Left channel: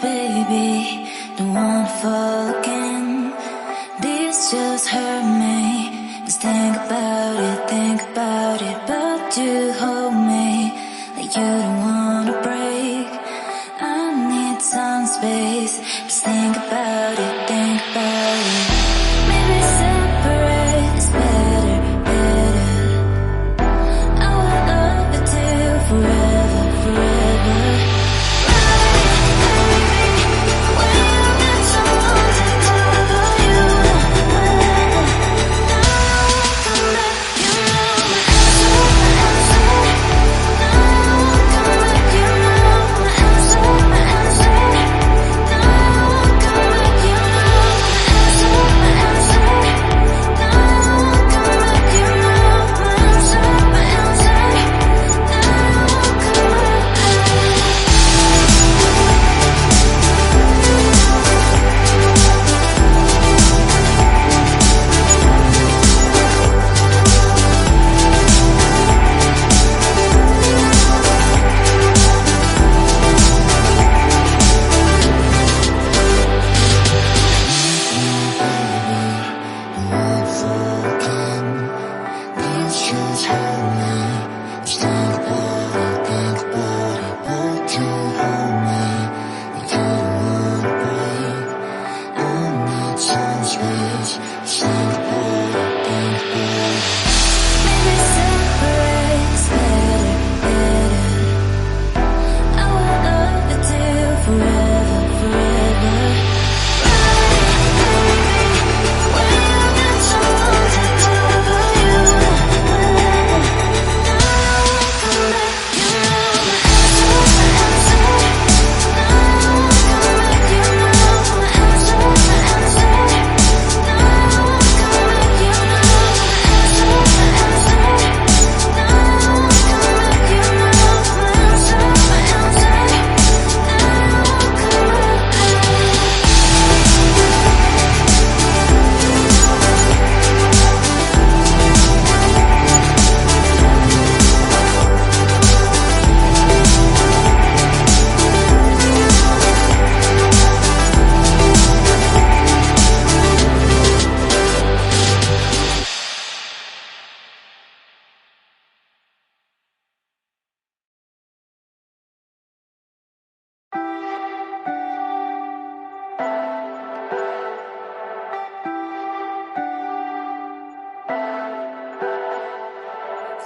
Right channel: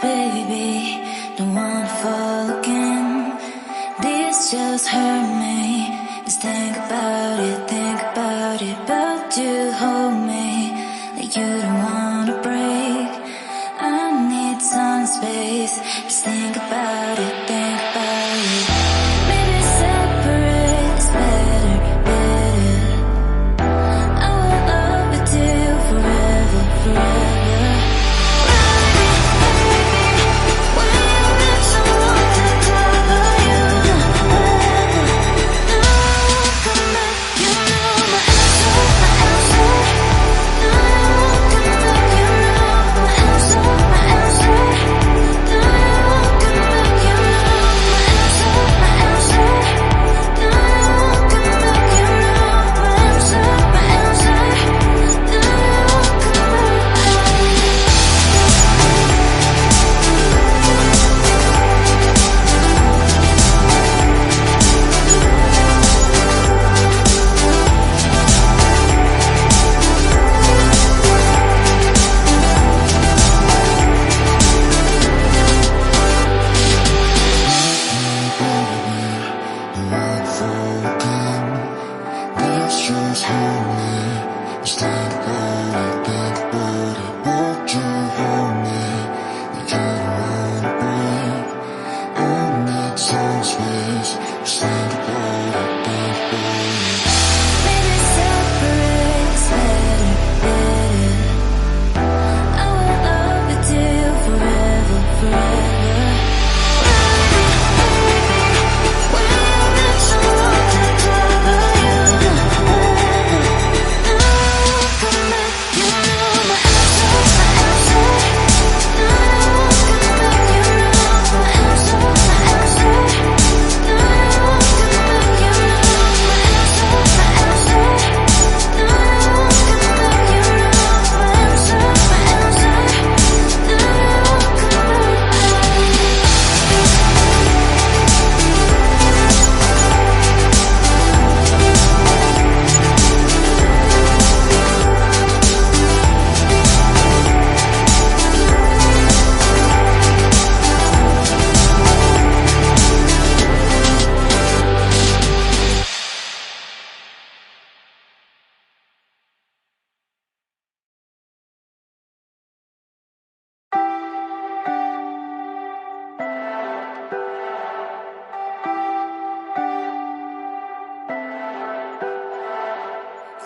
baby, don't wanna fall again. This just hurt me. Just think about it, but you hold me like you don't wanna break. I need some space. Just think about it, Maybe separate is better, I will love you till forever.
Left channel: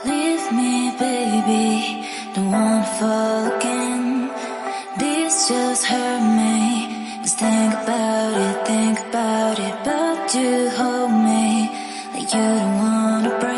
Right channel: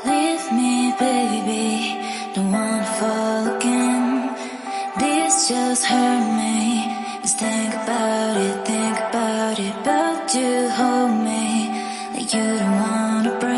Leave me, baby, don't wanna fall again. This just hurt me. Just think about it, but you hold me like you don't wanna break.